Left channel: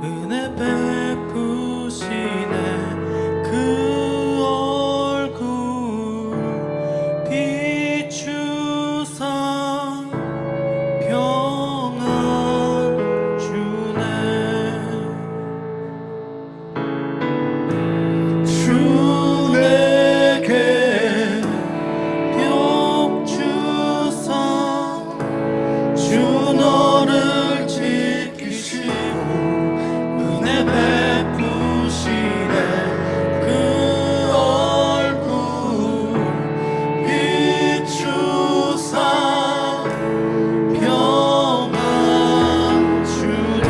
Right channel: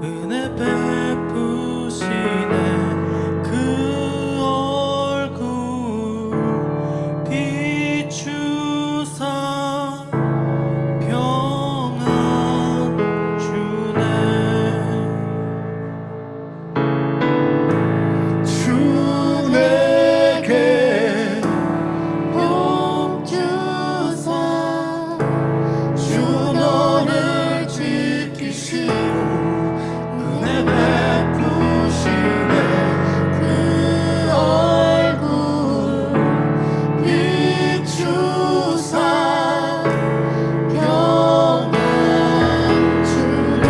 은혜 베푸시네. 그 얼굴 비추사 평안 주네. 주 내게 복 주사 주 너를 지키시고 은혜 베푸시네. 그 얼굴 비추사 평안 주네.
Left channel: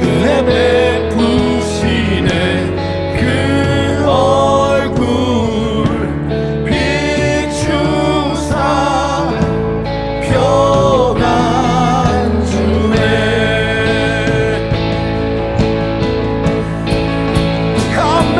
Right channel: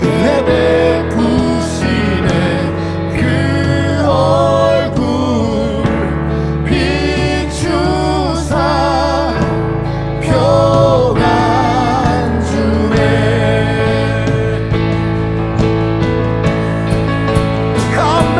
은혜 베푸시네. 그 얼굴 비추사 평안 주네. 아멘.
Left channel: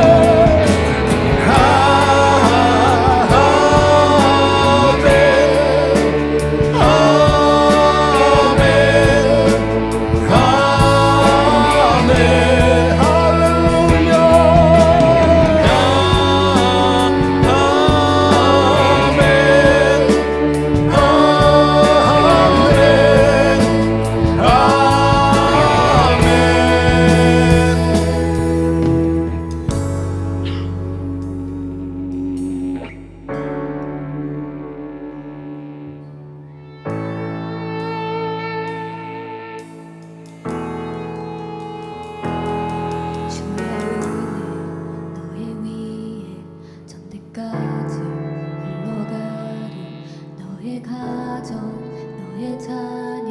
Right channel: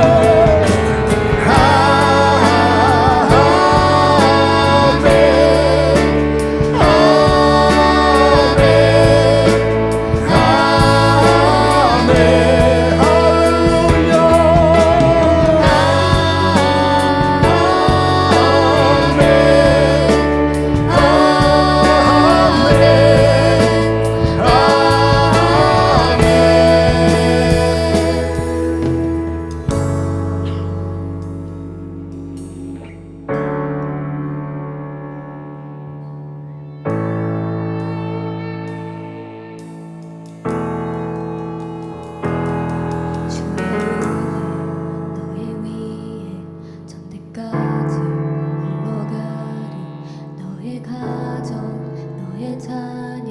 너의 자녀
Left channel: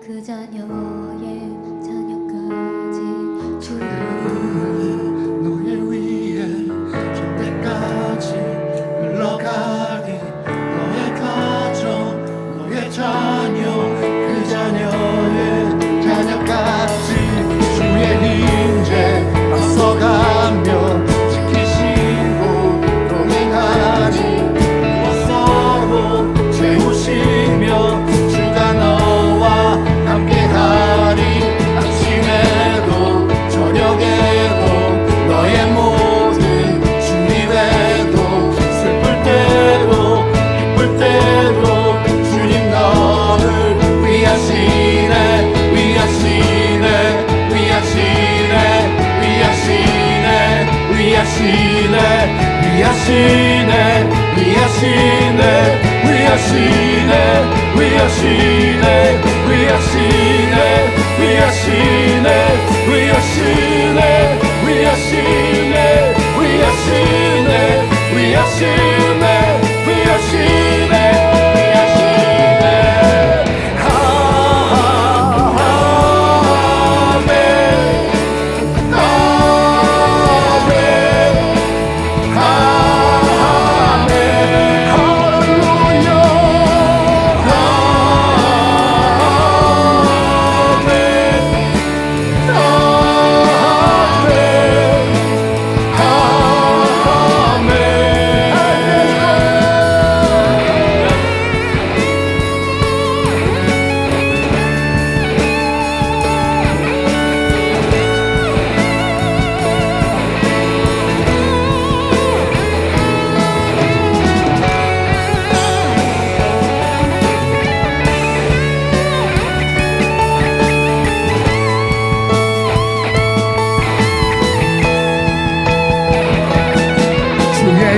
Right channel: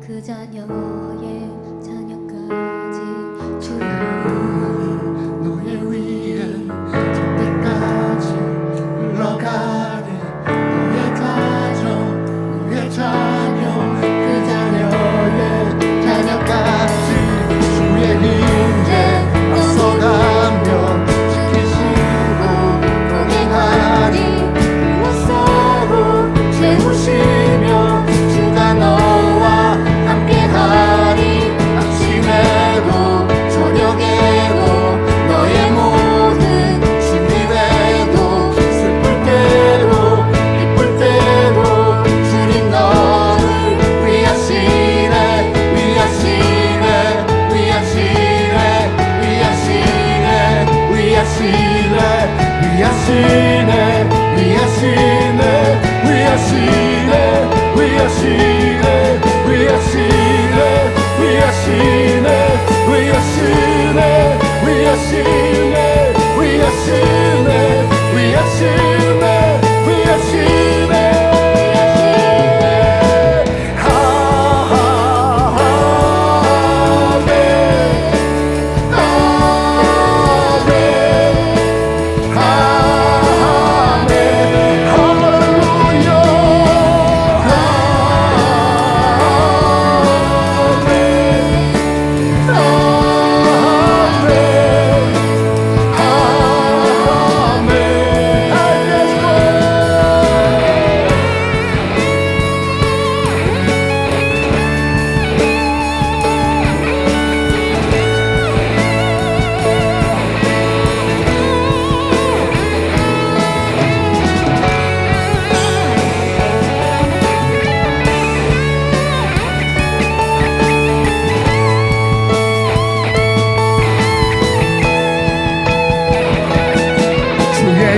그 자녀의 자녀까지 주의 너의 위에 전대까지 흘러가리. 너의 가정 너의 자녀 그 자녀의 자녀까지 주의 임재 앞서가며 지키시고 동행하니. 서로 채우시며 주가 너와 함께하리. 아침에도 저녁에도 너의 모든 준비되도 슬플 때도 기쁠 때도 주님 너를 위하시네. 위하시네. 위하시네. 위하시네. 위하시네. 위하시네. 위하시네. 위하시네. 위하시네. 위하시네. 위하시네. 위하시네. 위하시네. 위하시네. 위하시네. 위하시네.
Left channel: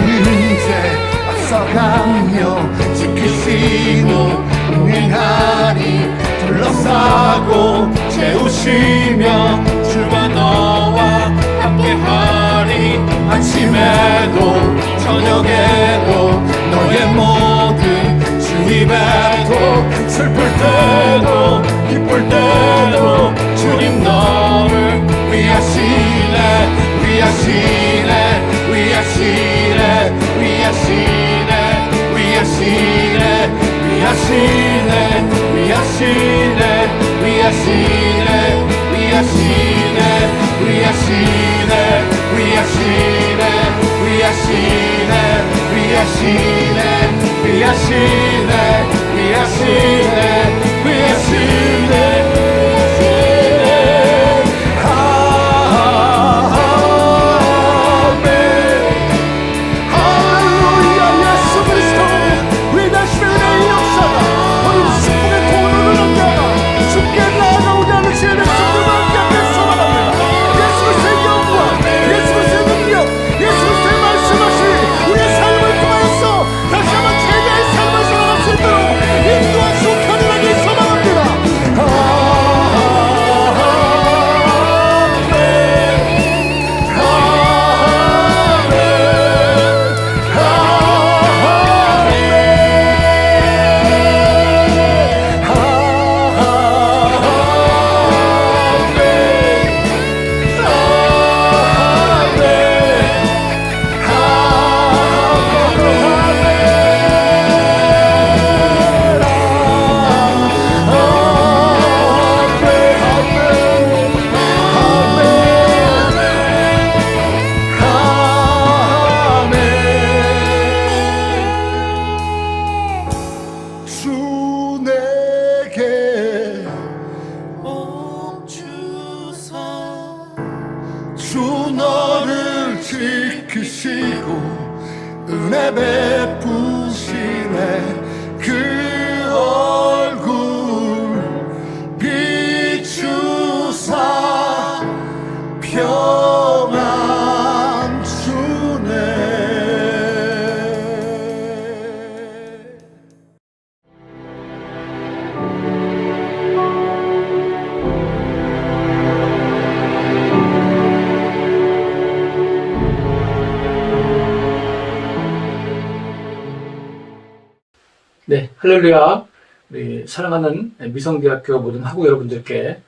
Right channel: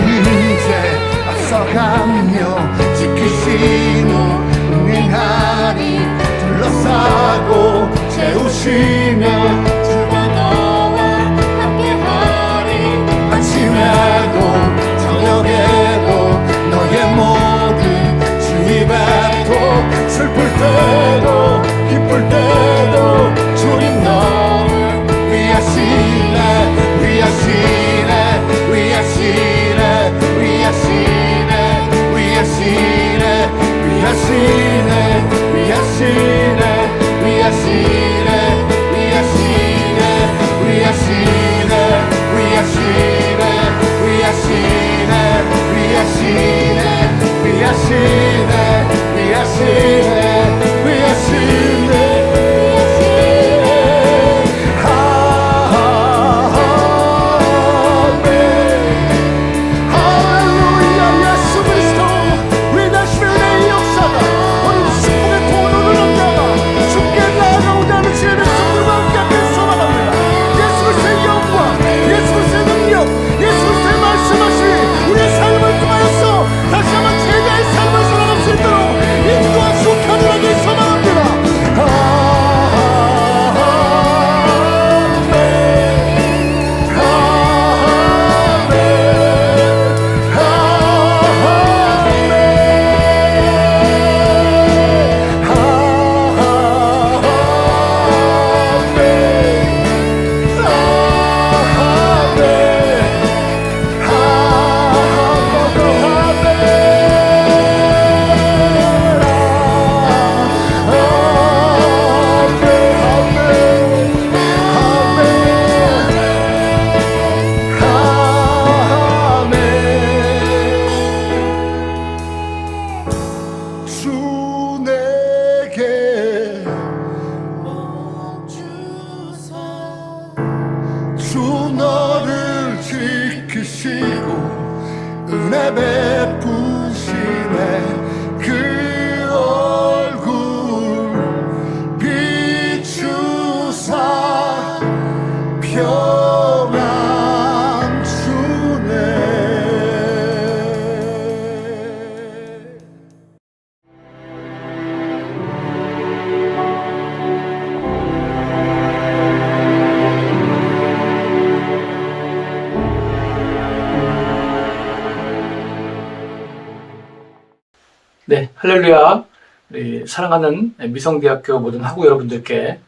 이제 앞서가며 지키시고 응행하리 둘러싸고 채우시며 주와 너와 함께하리 아침에도 저녁에도 너의 모든 주 입에도 슬플 때도 기쁠 때도 주님 너를 위하시네 위하시네 위하시네 위하시네 위하시네 위하시네 위하시네 위하시네 위하시네 위하시네 위하시네 위하시네 위하시네 위하시네 위하시네 위하시네 주 너를 지키시고 은혜 베푸시네 그 얼굴 비추사 평안 주네. 네, 할렐루야. 우리 사랑하는 미성대학교 모든 학우 여러분들께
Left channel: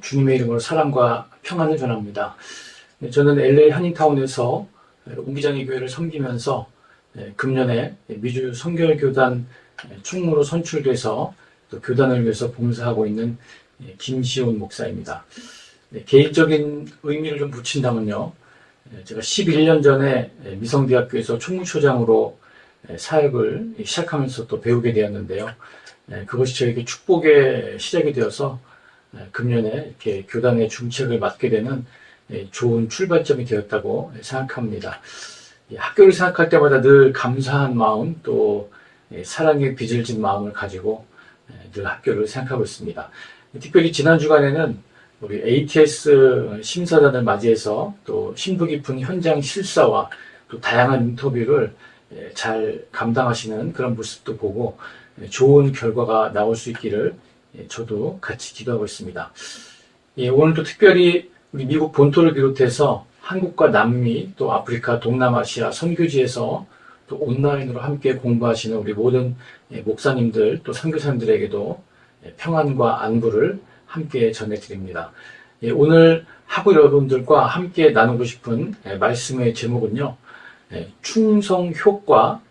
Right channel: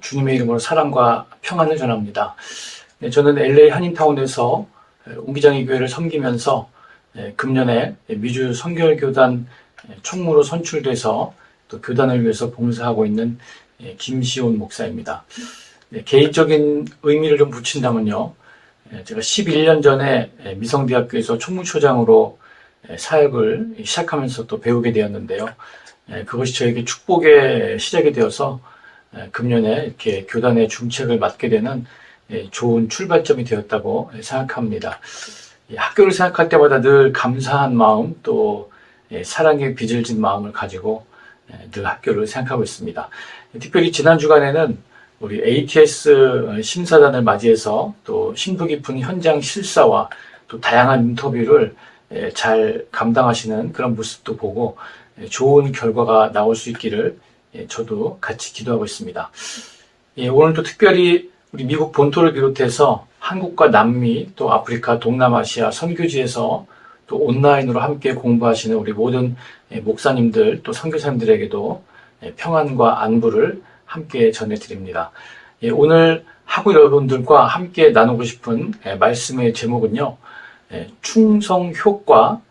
주님의 이름으로 사랑과 평안을 전합니다. 네, 저는 LA 한인타운에서 옹기장의 교회를 섬기면서 금년에 미주 선결교단 총무로 선출돼서 또 교단을 위해서 봉사하고 있는 김시온 목사입니다. 네, 개인적인 의미를 좀 붙인다면요. 제가 11년 전에 미성대학교에서 총무처장으로 사역을 시작하면서 또 배우게 되었는데요. 그것이 저에게 축복의 시작이 되어서 금년에 이렇게 교단의 중책을 맡게 되는 좋은 출발점이 되었다고 생각합니다. 학교를 생각할 때마다 늘 감사한 마음 또 사랑의 빚을 진 마음을 가지고 늘 학교를 생각하고 있습니다. 특별히 지난 주간에는 우리 ATS 심사단을 맞이해서 또 심도 깊은 현장 실사와 또 다양한 인터뷰를 잘 감당하시는 그런 모습도 보고 좋은 결과가 나올 수 있기를 저도 같이 기도하고 있습니다. 오늘도 특별히 우리 미국 본토를 비롯해서 한국과 남미 또 아프리카 동남아시아 선교지에서 또 온라인으로 함께 공부하시는 우리 모든 목사님들 또 선교사님들에게도 평안과 안부를 함께 전해드립니다. 오늘 학우 여러분들과 함께 나누고 싶은 말씀의 제목은요. 충성 효과,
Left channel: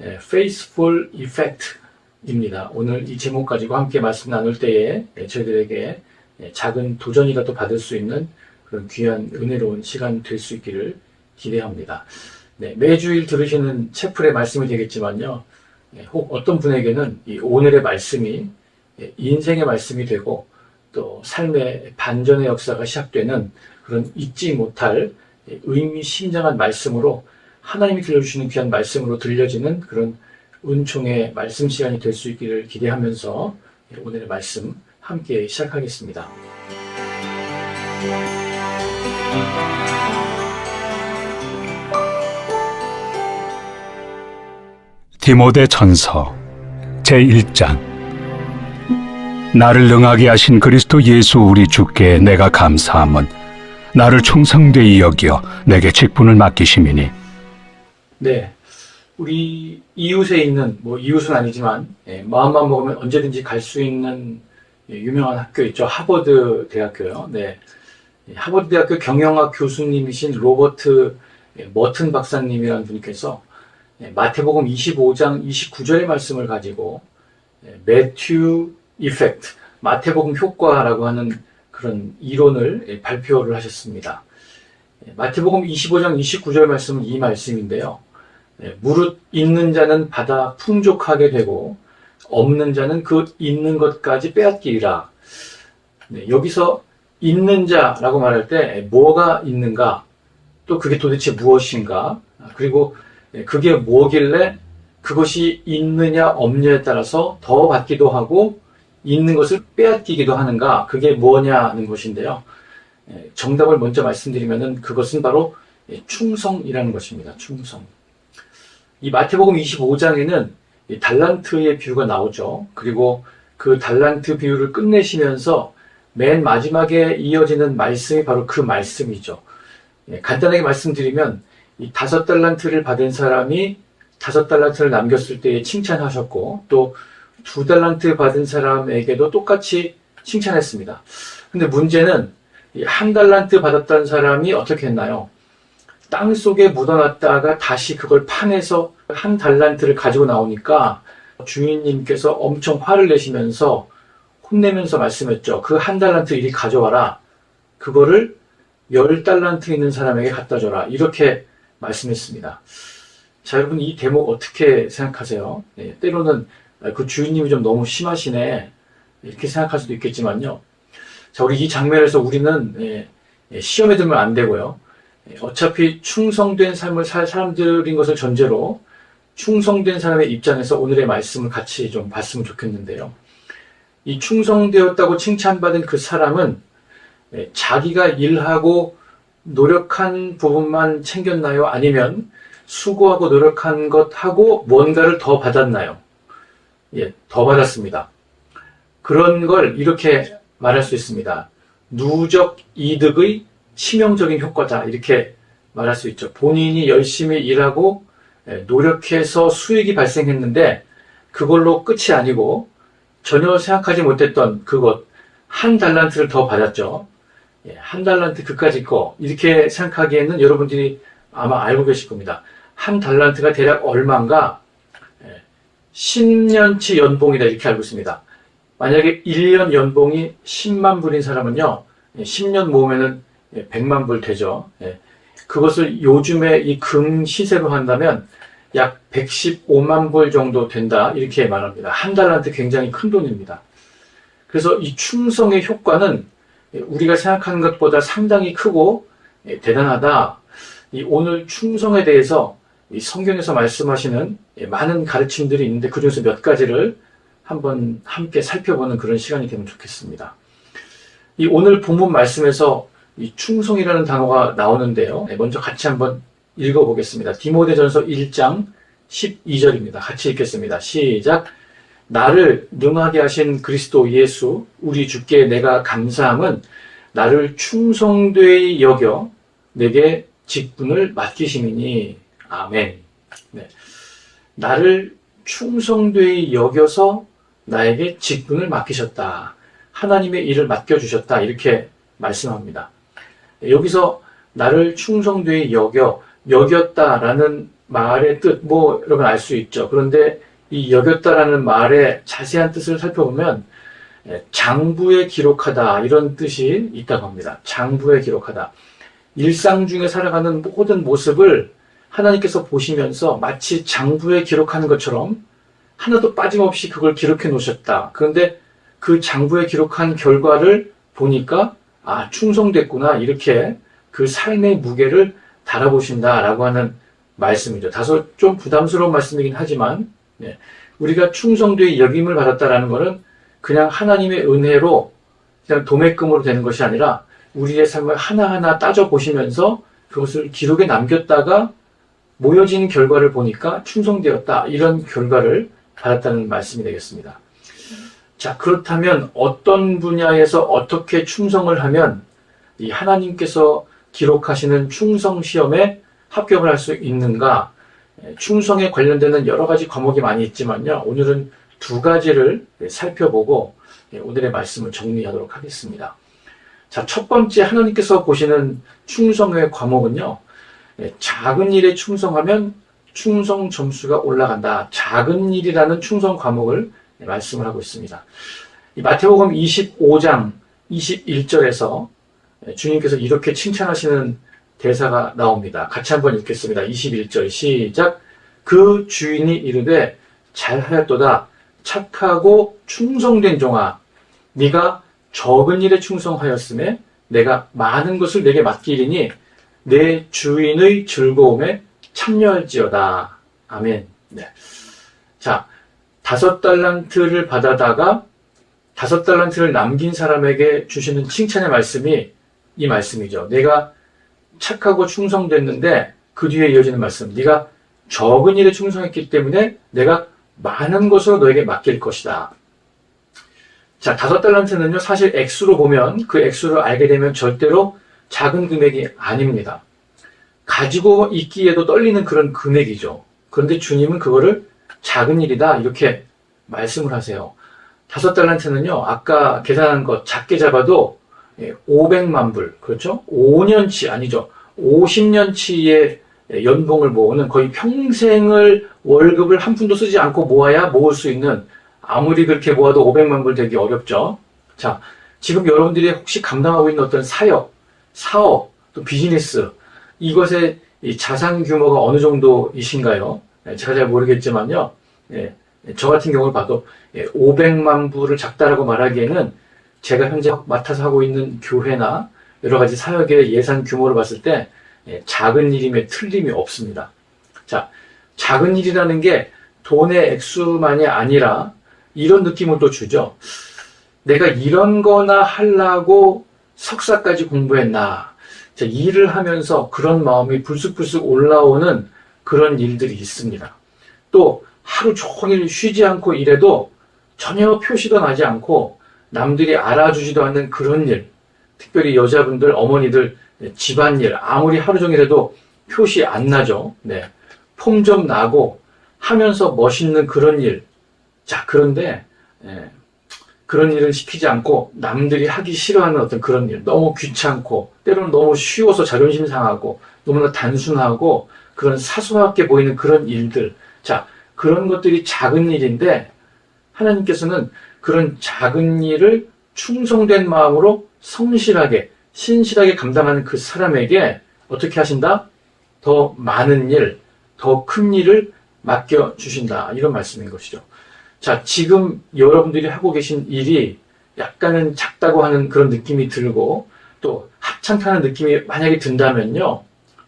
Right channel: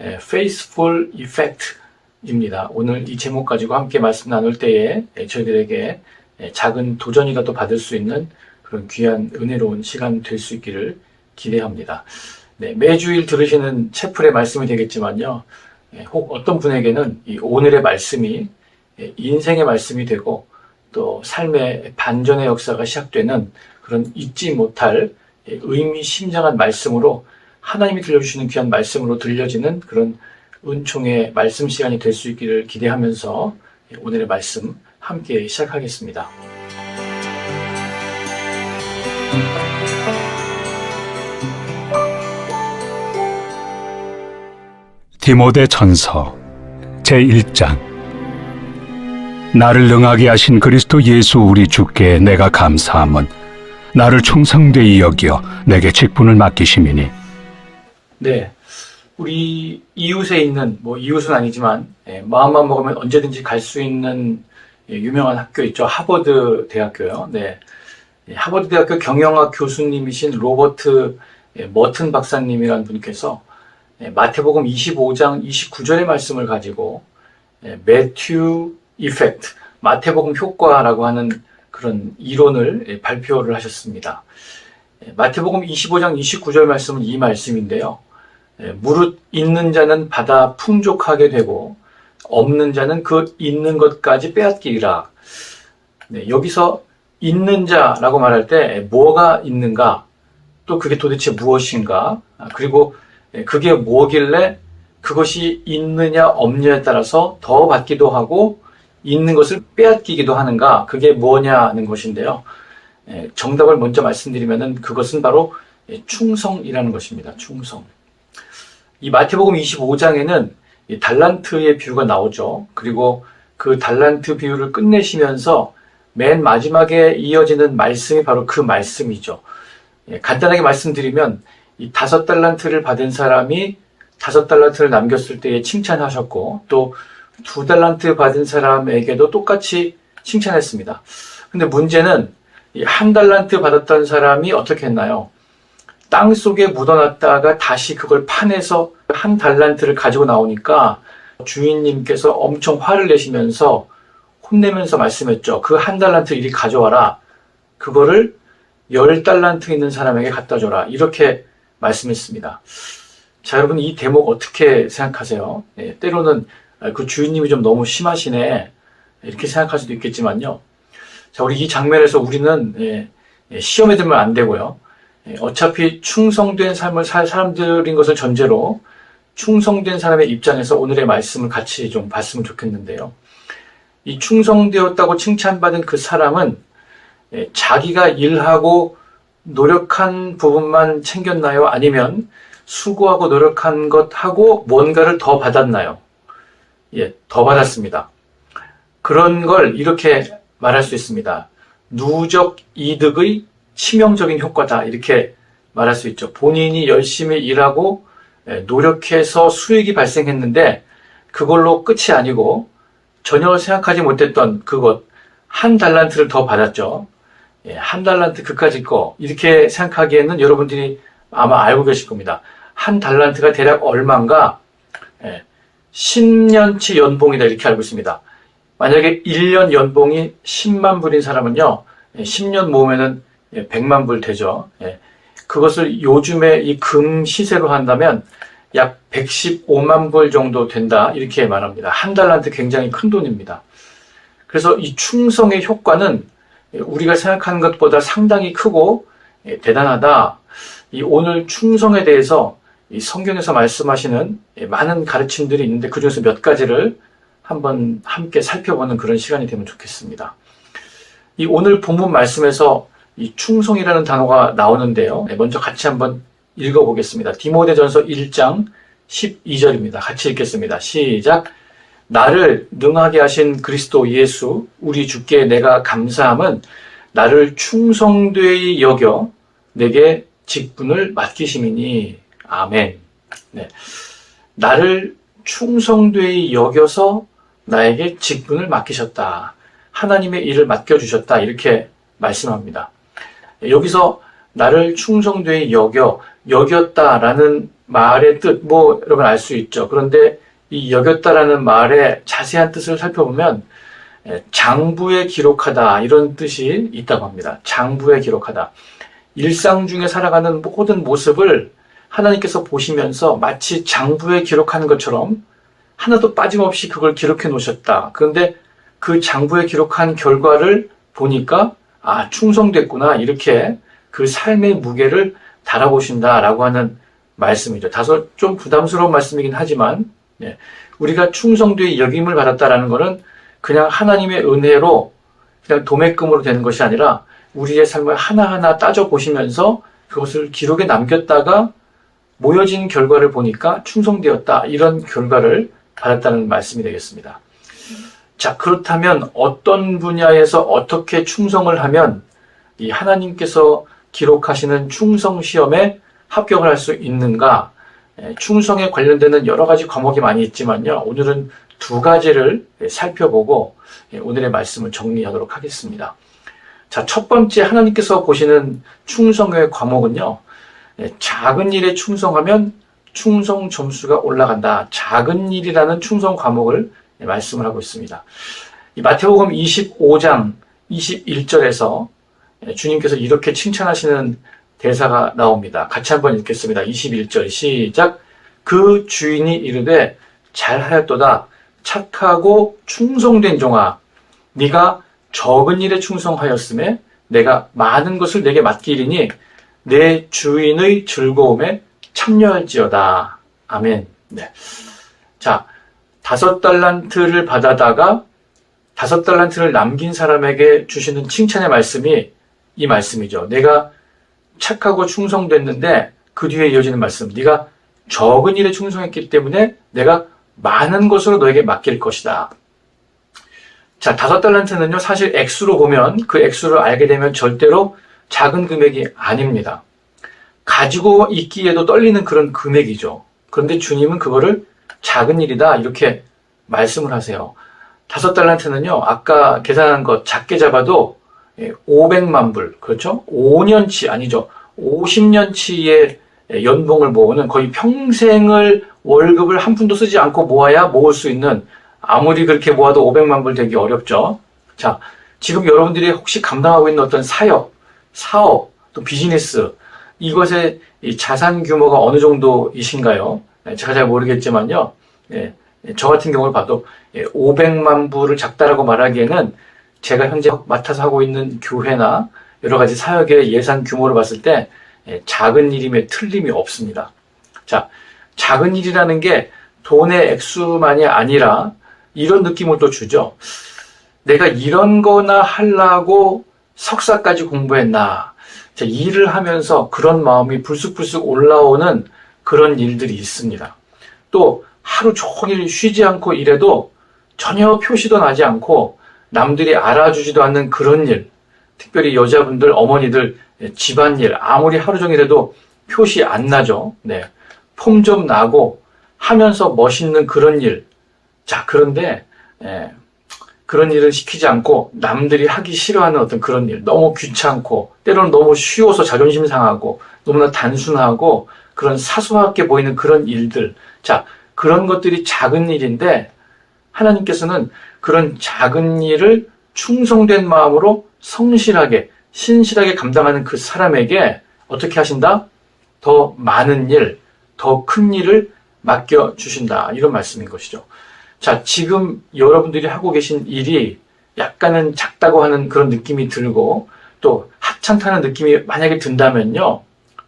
faithful effect입니다. 오늘 이 제목 가지고 함께 말씀 나눌 때에 저희들에게 작은 도전이라도 받을 수 있는 그런 귀한 은혜로운 시간 될 수 있기를 기대합니다. 네, 매주일 들으시는 채플의 말씀이 되겠지만요. 혹 어떤 분에게는 이 오늘의 말씀이 인생의 말씀이 되고 또 삶의 반전의 역사가 시작되는 그런 잊지 못할 의미심장한 말씀으로 하나님이 들려주시는 귀한 말씀으로 들려지는 그런 은총의 말씀 시간이 될 수 있기를 기대하면서 오늘의 말씀 함께 시작하겠습니다. 디모데 전서 제1장. 나를 능하게 하신 그리스도 예수 우리 주께 내가 감사함은 나를 충성되이 여겨 내게 직분을 맡기심이니. 네, 우리 이웃에 있는, 이웃은 아니지만 마음만 먹으면 언제든지 갈 수 있는 유명한 학교 있죠. 하버드 대학교요. 네, 하버드 대학교 경영학 교수님이신 로버트 머튼 박사님이라는 분께서 마태복음 25장 29절의 말씀을 가지고 매튜 이펙트, 마태복음 효과라고 하는 그런 이론을 발표를 하셨습니다. 마태복음 25장 29절 말씀은 이 말씀인데요. 무릇 있는 자는 받아 풍족하게 되고 없는 자는 그 있는 것까지 빼앗기리라. 여기서 있는 자라고 말할 때 뭐가 있는가, 또 그게 도대체 무엇인가, 그리고 그게 뭐길래 그것이 있느냐 없느냐에 따라서 더 받기도 하고 있는 것을 빼앗기기도 하는가, 그게 뭐냐는 것인데요. 정답을 먼저 말씀드리면은 그것은 바로 충성이라는 것입니다. 충성. 이 마태복음 25장에는 달란트의 비유가 나오죠. 그리고 그 달란트 비유를 끝내시면서 맨 마지막에 이어지는 말씀이 바로 그 말씀이죠. 간단하게 말씀드리면 이 5달란트를 받은 사람이 5달란트를 남겼을 때에 칭찬하셨고, 또 2달란트 받은 사람에게도 똑같이 칭찬했습니다. 근데 문제는 이 1달란트 받았던 사람이 어떻게 했나요? 땅 속에 묻어놨다가 다시 그걸 파내서 1달란트를 가지고 나오니까 주인님께서 엄청 화를 내시면서 혼내면서 말씀했죠. 그 1달란트 이리 가져와라. 그거를 10달란트 있는 사람에게 갖다 줘라. 이렇게 말씀했습니다. 자, 여러분, 이 대목 어떻게 생각하세요? 때로는 그 주인님이 좀 너무 심하시네, 이렇게 생각할 수도 있겠지만요. 자, 우리 이 장면에서 우리는 시험에 들면 안 되고요. 어차피 충성된 삶을 살 사람들인 것을 전제로 충성된 사람의 입장에서 오늘의 말씀을 같이 좀 봤으면 좋겠는데요. 이 충성되었다고 칭찬받은 그 사람은 자기가 일하고 노력한 부분만 챙겼나요? 아니면 수고하고 노력한 것하고 뭔가를 더 받았나요? 더 받았습니다. 그런 걸 이렇게 말할 수 있습니다. 누적 이득의 치명적인 효과다, 이렇게 말할 수 있죠. 본인이 열심히 일하고 노력해서 수익이 발생했는데 그걸로 끝이 아니고 전혀 생각하지 못했던 그것, 1달란트를 더 받았죠. 1달란트 그까짓 거, 이렇게 생각하기에는 여러분들이 아마 알고 계실 겁니다. 1달란트가 대략 얼마인가? 10년치 연봉이다, 이렇게 알고 있습니다. 만약에 1년 연봉이 10만 불인 사람은요, 10년 모으면은 100만 불 되죠. 그것을 요즘에 이 금 시세로 한다면 약 115만 불 정도 된다, 이렇게 말합니다. 1달란트 굉장히 큰 돈입니다. 그래서 이 충성의 효과는 우리가 생각하는 것보다 상당히 크고 대단하다. 이 오늘 충성에 대해서 이 성경에서 말씀하시는 많은 가르침들이 있는데 그중에서 몇 가지를 한번 함께 살펴보는 그런 시간이 되면 좋겠습니다. 이 오늘 본문 말씀에서 이 충성이라는 단어가 나오는데요. 먼저 같이 한번 읽어보겠습니다. 디모데전서 1장 12절입니다. 같이 읽겠습니다. 시작. 나를 능하게 하신 그리스도 예수 우리 주께 내가 감사함은 나를 충성되이 여겨 내게 직분을 맡기심이니. 아멘. 네. 나를 충성되이 여겨서 나에게 직분을 맡기셨다. 하나님의 일을 맡겨주셨다. 이렇게 말씀합니다. 여기서 나를 충성되이 여겼다라는 말의 뜻, 여러분 알 수 있죠. 그런데 이 여겼다라는 말의 자세한 뜻을 살펴보면 장부에 기록하다, 이런 뜻이 있다고 합니다. 장부에 기록하다. 일상 중에 살아가는 모든 모습을 하나님께서 보시면서 마치 장부에 기록하는 것처럼 하나도 빠짐없이 그걸 기록해 놓으셨다. 그런데 그 장부에 기록한 결과를 보니까 충성됐구나, 이렇게 그 삶의 무게를 달아보신다라고 하는 말씀이죠. 다소 좀 부담스러운 말씀이긴 하지만 우리가 충성되이 여김을 받았다라는 것은 그냥 하나님의 은혜로 그냥 도매금으로 되는 것이 아니라 우리의 삶을 하나하나 따져보시면서 그것을 기록에 남겼다가 모여진 결과를 보니까 충성되었다. 이런 결과를 받았다는 말씀이 되겠습니다. 자, 그렇다면 어떤 분야에서 어떻게 충성을 하면 이 하나님께서 기록하시는 충성 시험에 합격을 할 수 있는가? 충성에 관련되는 여러 가지 과목이 많이 있지만요. 오늘은 두 가지를 살펴보고 오늘의 말씀을 정리하도록 하겠습니다. 자, 첫 번째 하나님께서 보시는 충성의 과목은요. 작은 일에 충성하면 충성 점수가 올라간다. 작은 일이라는 충성 과목을 말씀을 하고 있습니다. 이 마태복음 25장 21절에서 주님께서 이렇게 칭찬하시는 대사가 나옵니다. 같이 한번 읽겠습니다. 21절 시작. 그 주인이 이르되 잘하였도다. 착하고 충성된 종아, 네가 적은 일에 충성하였음에 내가 많은 것을 내게 맡기리니 내 주인의 즐거움에 참여할지어다. 아멘. 네. 자, 5달란트를 받아다가 5달란트를 남긴 사람에게 주시는 칭찬의 말씀이 이 말씀이죠. 내가 착하고 충성됐는데 그 뒤에 이어지는 말씀. 네가 적은 일에 충성했기 때문에 내가 많은 것으로 너에게 맡길 것이다. 자, 5달란트는요, 사실 액수로 보면 그 액수를 알게 되면 절대로 작은 금액이 아닙니다. 가지고 있기에도 떨리는 그런 금액이죠. 그런데 주님은 그거를 작은 일이다 이렇게 말씀을 하세요. 5달란트는요, 아까 계산한 것 작게 잡아도 500만 불, 그렇죠? 5년치 아니죠. 50년치의 연봉을 모으는, 거의 평생을 월급을 한 푼도 쓰지 않고 모아야 모을 수 있는, 아무리 그렇게 모아도 500만 불 되기 어렵죠. 자, 지금 여러분들이 혹시 감당하고 있는 어떤 사역, 사업, 또 비즈니스, 이것의 이 자산 규모가 어느 정도이신가요? 제가 잘 모르겠지만요. 저 같은 경우를 봐도 500만 불을 작다라고 말하기에는 제가 현재 맡아서 하고 있는 교회나 여러 가지 사역의 예산 규모를 봤을 때 작은 일임에 틀림이 없습니다. 자, 작은 일이라는 게 돈의 액수만이 아니라 이런 느낌을 또 주죠. 내가 이런 거나 하려고 석사까지 공부했나. 자, 일을 하면서 그런 마음이 불쑥불쑥 올라오는 그런 일들이 있습니다. 또 하루 종일 쉬지 않고 일해도 전혀 표시도 나지 않고 남들이 알아주지도 않는 그런 일, 특별히 여자분들, 어머니들 집안일 아무리 하루 종일 해도 표시 안 나죠. 네, 폼 좀 나고 하면서 멋있는 그런 일. 자, 그런데 그런 일을 시키지 않고 남들이 하기 싫어하는 어떤 그런 일, 너무 귀찮고 때로는 너무 쉬워서 자존심 상하고 너무나 단순하고 그런 사소하게 보이는 그런 일들. 자, 그런 것들이 작은 일인데 하나님께서는 그런 작은 일을 충성된 마음으로 성실하게, 신실하게 감당하는 그 사람에게 어떻게 하신다? 더 많은 일, 더 큰 일을 맡겨주신다. 이런 말씀인 것이죠. 자, 지금 여러분들이 하고 계신 일이 약간은 작다고 하는 그런 느낌이 들고 또 하찮다는 느낌이 만약에 든다면요.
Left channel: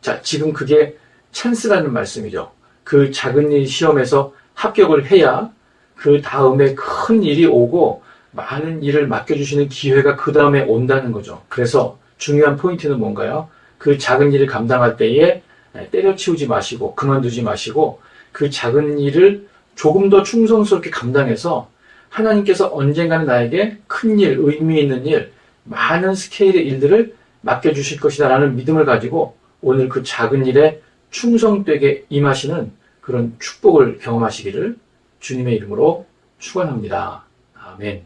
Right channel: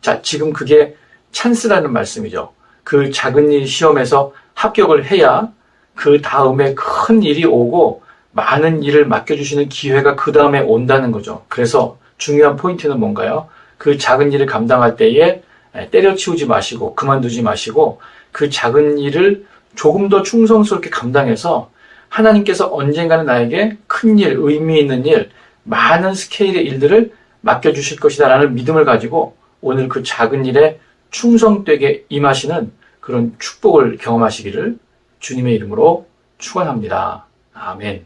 자, 지금 그게 찬스라는 말씀이죠. 그 작은 일 시험에서 합격을 해야 그 다음에 큰 일이 오고 많은 일을 맡겨주시는 기회가 그 다음에 온다는 거죠. 그래서 중요한 포인트는 뭔가요? 그 작은 일을 감당할 때에 때려치우지 마시고 그만두지 마시고 그 작은 일을 조금 더 충성스럽게 감당해서 하나님께서 언젠가는 나에게 큰 일, 의미 있는 일, 많은 스케일의 일들을 맡겨주실 것이다 라는 믿음을 가지고 오늘 그 작은 일에 충성되게 임하시는 그런 축복을 경험하시기를 주님의 이름으로 축원합니다. 아멘.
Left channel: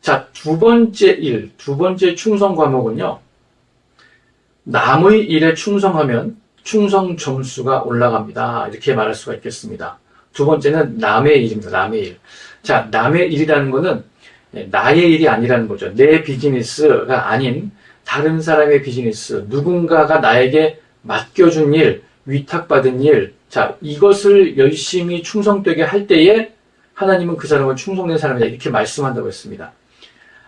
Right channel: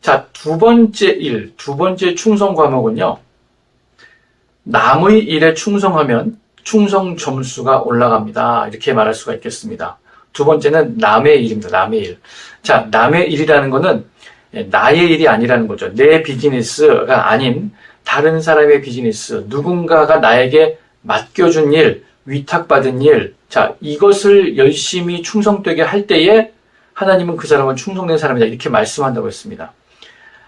자, 두 번째 충성 과목은요. 남의 일에 충성하면 충성 점수가 올라갑니다. 이렇게 말할 수가 있겠습니다. 두 번째는 남의 일입니다. 남의 일. 자, 남의 일이라는 거는 나의 일이 아니라는 거죠. 내 비즈니스가 아닌 다른 사람의 비즈니스, 누군가가 나에게 맡겨준 일, 위탁받은 일, 자, 이것을 열심히 충성되게 할 때에 하나님은 그 사람을 충성된 사람이다. 이렇게 말씀한다고 했습니다.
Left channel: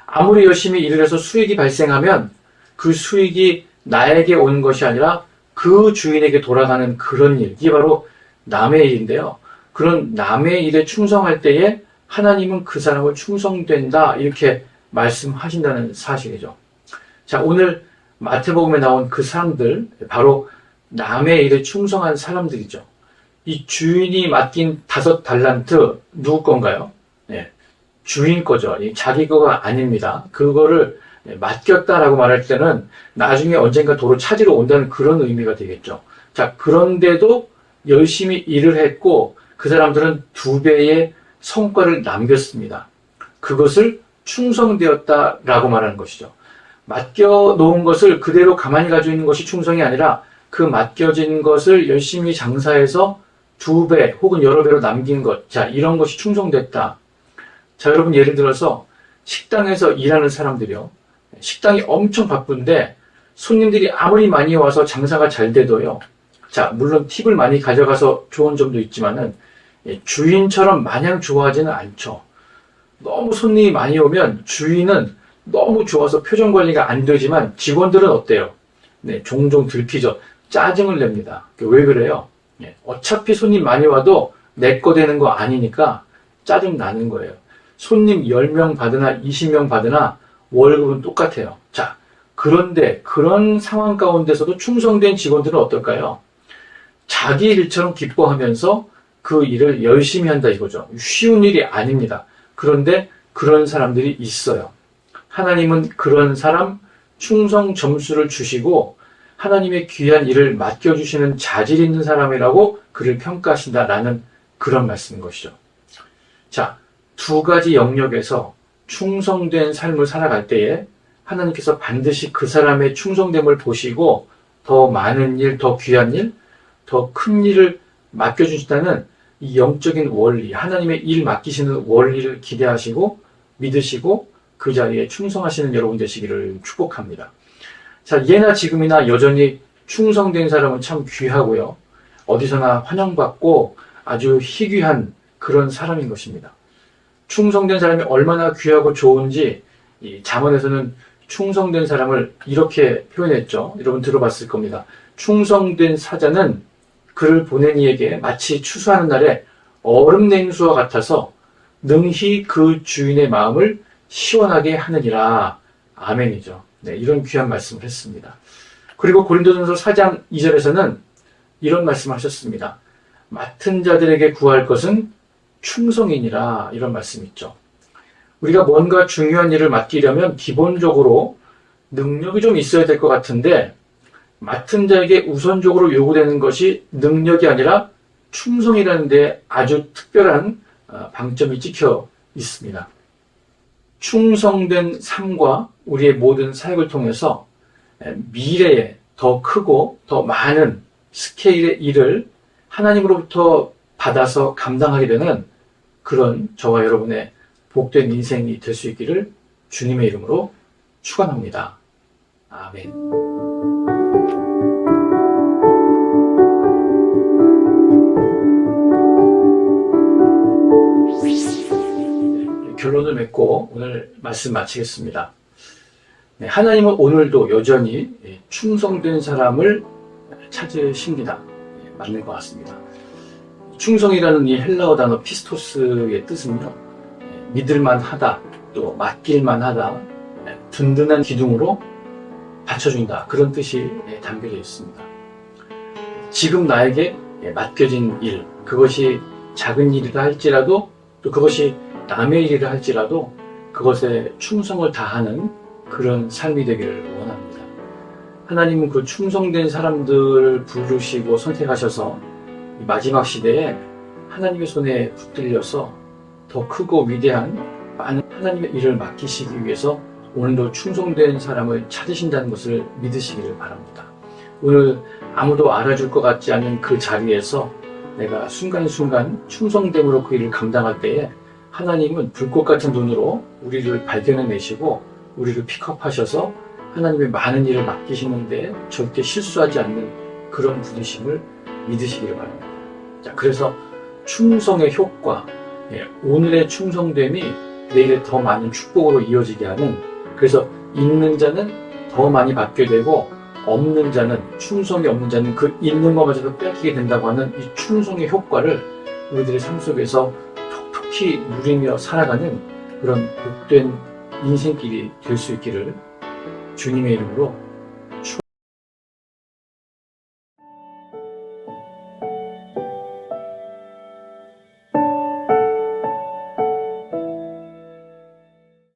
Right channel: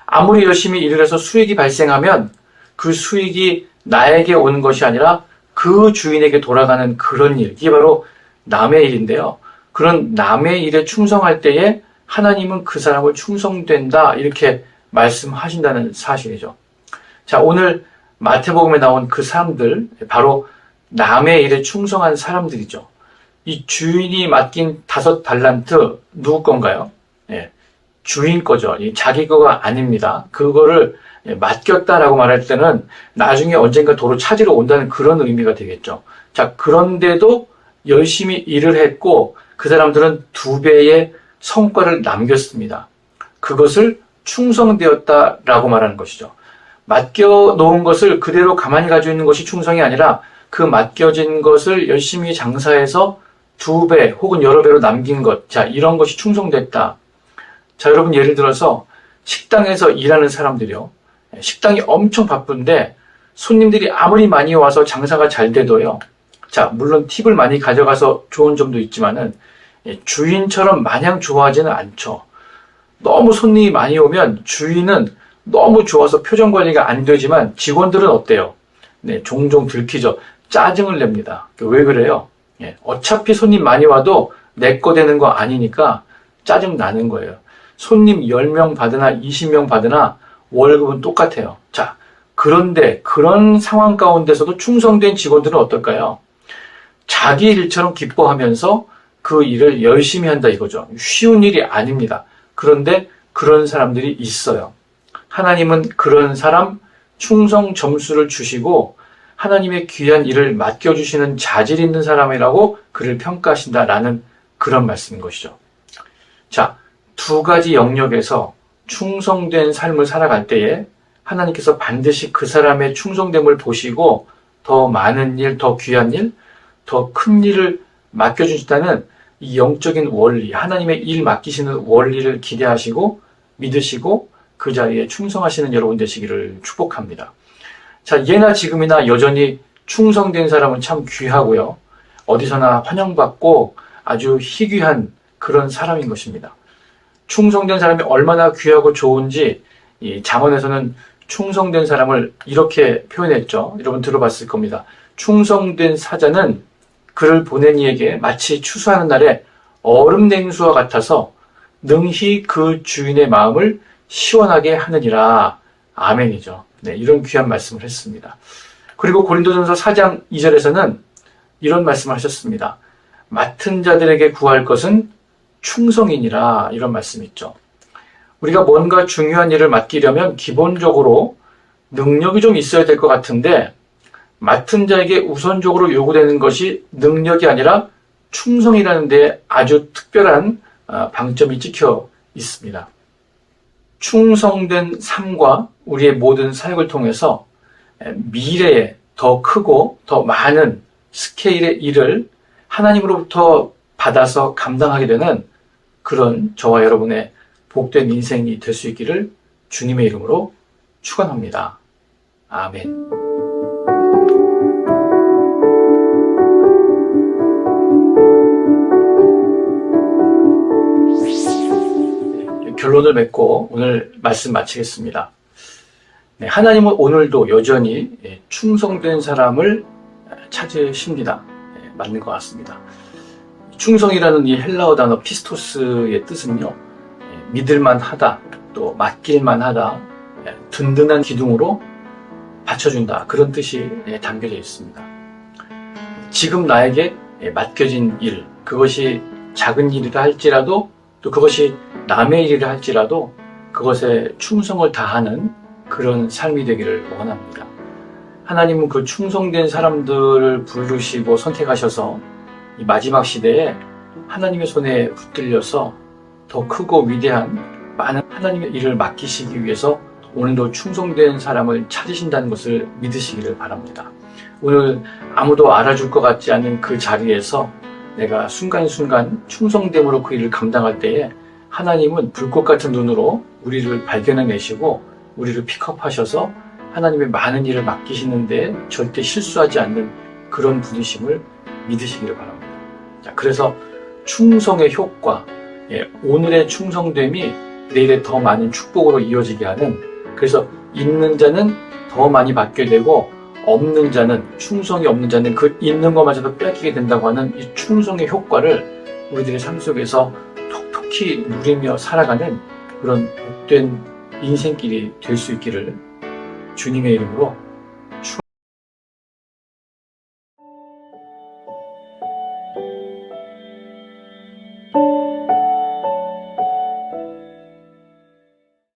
아무리 열심히 일을 해서 수익이 발생하면 그 수익이 나에게 오는 것이 아니라 그 주인에게 돌아가는 그런 일, 이게 바로 남의 일인데요. 그런 남의 일에 충성할 때에 하나님은 그 사람을 충성된다 이렇게 말씀하신다는 사실이죠. 자, 오늘 마태복음에 나온 그 사람들, 바로 남의 일에 충성한 사람들이죠. 이 주인이 맡긴 5달란트 누구 건가요? 예, 주인 거죠. 자기 거가 아닙니다. 그거를 맡겼다라고 말할 때는 나중에 언젠가 도로 찾으러 온다는 그런 의미가 되겠죠. 자, 그런데도 열심히 일을 했고 그 사람들은 2배의 성과를 남겼습니다. 그것을 충성되었다라고 말하는 것이죠. 맡겨놓은 것을 그대로 가만히 가지고 있는 것이 충성이 아니라 그 맡겨진 것을 열심히 장사해서 2배 혹은 여러 배로 남긴 것. 자, 이런 것이 충성됐다. 자, 여러분 예를 들어서 식당에서 일하는 사람들이요. 식당이 엄청 바쁜데 손님들이 아무리 많이 와서 장사가 잘 돼도요. 자, 물론 팁을 많이 가져가서 좋은 점도 있지만은 주인처럼 마냥 좋아하지는 않죠. 너무 손님이 많이 오면 주인은 너무 좋아서 표정 관리가 안 되지만 직원들은 어때요? 네, 종종 들키죠. 짜증을 냅니다. 왜 그래요? 어차피 손님 많이 와도 내 거 되는 거 아니니까 짜증 나는 거예요. 손님 10명 받으나 20명 받으나 월급은 똑같아요. 자, 그런데 그런 상황 가운데서도 충성된 직원들은 어떨까요? 자기 일처럼 기뻐하면서 그 일을 열심히 한다 이거죠. 쉬운 일이 아닙니다. 그런데 그런 사람들이 있어요. 하나님은 그런 사람 충성 점수를 주시고 하나님의 귀한 일을 맡겨주시는 자질 있는 사람이라고 그를 평가하신다라는 그런 말씀인 것이죠. 자, 2가지 영역에서 충성된 삶을 살아갈 때에 하나님께서 반드시 그 사람의 충성됨을 보시고 더 많은 일, 더 귀한 일, 더 큰 일을 맡겨주신다는 이 영적인 원리, 하나님의 일 맡기시는 원리를 기대하시고 믿으시고 그 자리에 충성하시는 여러분 되시기를 축복합니다. 자, 예나 지금이나 여전히 충성된 사람은 참 귀하고요. 어디서나 환영받고 아주 희귀한 그런 사람인 것입니다. 충성된 사람이 얼마나 귀하고 좋은지 이 잠언에서는 충성된 사람을 이렇게 표현했죠. 여러분 들어봤을 겁니다. 충성된 사자는 그를 보낸 이에게 마치 추수하는 날에 얼음 냉수와 같아서 능히 그 주인의 마음을 시원하게 하느니라. 아멘이죠. 네, 이런 귀한 말씀을 했습니다. 그리고 고린도전서 4장 2절에서는 이런 말씀을 하셨습니다. 맡은 자들에게 구할 것은 충성이니라. 이런 말씀이 있죠. 우리가 뭔가 중요한 일을 맡기려면 기본적으로 능력이 좀 있어야 될 것 같은데 맡은 자에게 우선적으로 요구되는 것이 능력이 아니라 충성이라는 데 아주 특별한 방점이 찍혀 있습니다. 충성된 삶과 우리의 모든 사역을 통해서 미래에 더 크고 더 많은 스케일의 일을 하나님으로부터 받아서 감당하게 되는 그런 저와 여러분의 복된 인생이 될 수 있기를 주님의 이름으로 축원합니다. 아멘. 결론을 맺고 오늘 말씀 마치겠습니다. 네, 하나님은 오늘도 여전히 충성된 사람을 찾으십니다. 네, 맞는 것 같습니다. 충성이라는 이 헬라어 단어 피스토스의 뜻은요, 믿을만하다, 또 맡길만하다, 든든한 기둥으로 받쳐준다, 그런 뜻이 담겨져 있습니다. 지금 나에게 맡겨진 일, 그것이 작은 일이라 할지라도 또 그것이 남의 일이라 할지라도 그것에 충성을 다하는 그런 삶이 되기를 원합니다. 하나님은 그 충성된 사람들을 부르시고 선택하셔서 이 마지막 시대에 하나님의 손에 붙들려서 더 크고 위대한 많은 하나님의 일을 맡기시기 위해서 오늘도 충성된 사람을 찾으신다는 것을 믿으시기를 바랍니다. 오늘 아무도 알아줄 것 같지 않은 그 자리에서 내가 순간순간 충성됨으로 그 일을 감당할 때에 하나님은 불꽃 같은 눈으로 우리를 발견해내시고 우리를 픽업하셔서 하나님의 많은 일을 맡기시는데 절대 실수하지 않는 그런 분이심을 믿으시기를 바랍니다. 자, 그래서 충성의 효과, 오늘의 충성됨이 내일의 더 많은 축복으로 이어지게 하는, 그래서 있는 자는 더 많이 받게 되고 없는 자는, 충성이 없는 자는 그 있는 것마저도 뺏기게 된다고 하는 이 충성의 효과를 우리들의 삶 속에서 톡톡히 누리며 살아가는 그런 복된 인생길이 될 수 있기를 주님의 이름으로